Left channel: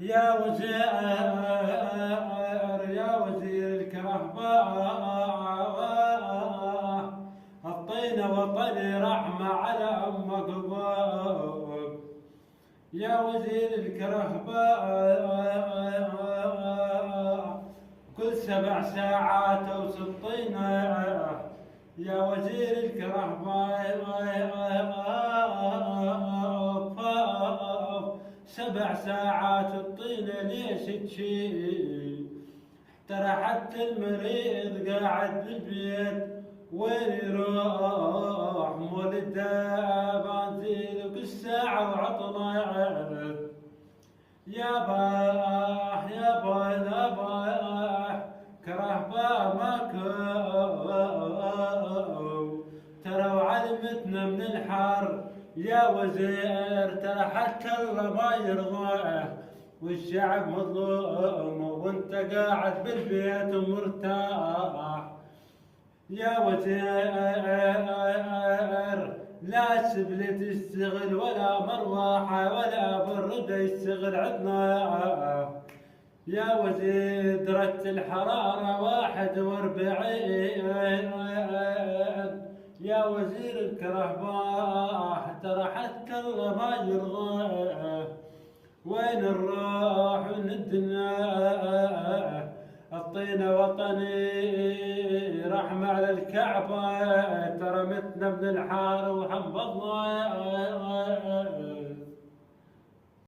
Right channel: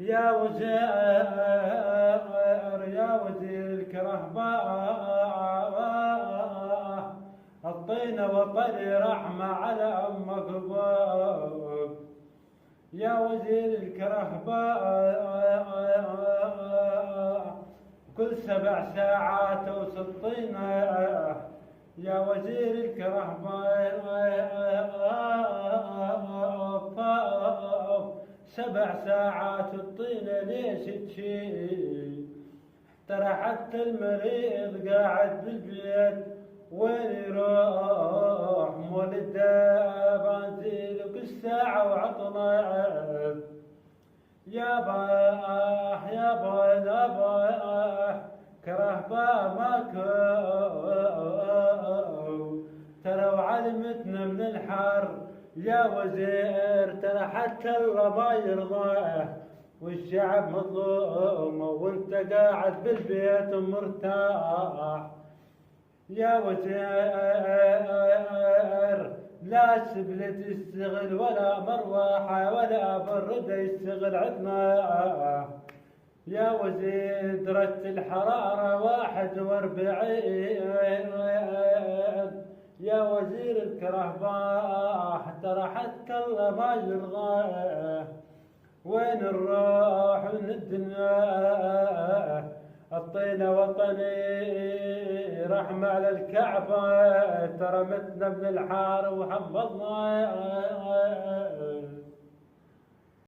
يا وزير الكرهباء، الطين وطني رحمة على أمك باب. يا وزير الكرهباء، كل 7 ساعات اوصل طينة. يا وزير الكرهباء، 7 ساعات الطينة ليش تشيل؟ ترى حتى المريض قاعد بالبيت وين يروح؟ مولده بنزيل كل ساعة وعطنا. يابا كرهباء ماكو، ترى وعلمتنا من الحر. يا وزير ترى حتى الله ما يرضاه، والشعب مظلوم وانت قاعد بالبيت ومرتاح. يا وزير لا سبلة تشتغل ولا مروحة ولا بردة يشتغل عندنا. يا وزير درجة الحرارة 41. يا وزير الكرهباء ترى حتى الله ما يرضاه، وين نروح من الدنيا؟ الطينة وطني رحمة على الكعبة، ترى متنا من الحار وحفظنا.